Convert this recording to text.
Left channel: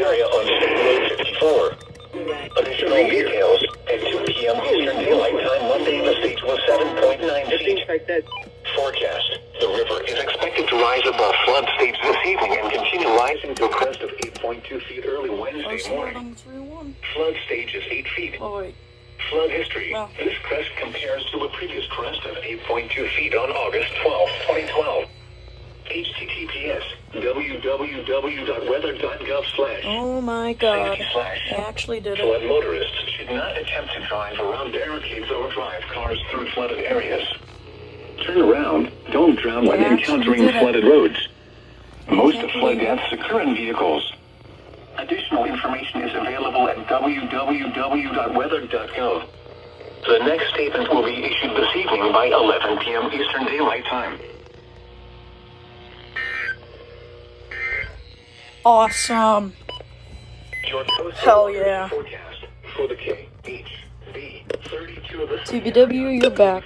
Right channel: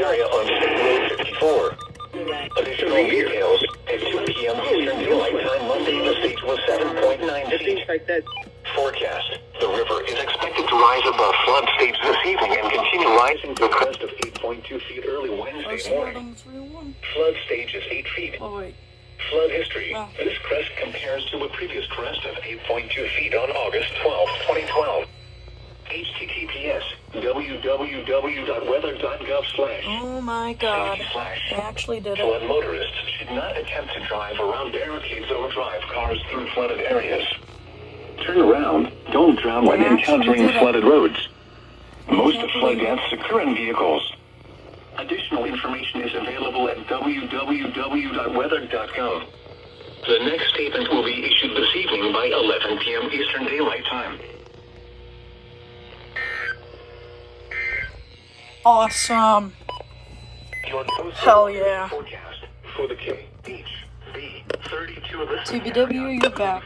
area on State Road 54. Additional details at 2 p.m. Eastern Daylight Time Monday, the stage was 7.9 feet. Forecast. The river is expected to rise above flood stage this evening and continue rising to a crest of 8.2 feet early Wednesday morning. Flood stage is 8 feet. Oh, wait. Flood history. Wow. This crest compares to a previous crest of 8.2 feet on August 12, 2012. HTTPS www.weather.gov/ Oh my god. I actually did it. Flood motorists should not attempt to drive around barricades or drive cars through flooded areas. Turn around. Don't drown when encountering flooded roads. Most flood deaths occur in vehicles. Additional information is available at www.weather.gov. The next statement will be issued this evening by 11 p.m. Eastern Daylight Time. Awesome. Hell yeah. Forecast for the KHB32 TBW, you're back.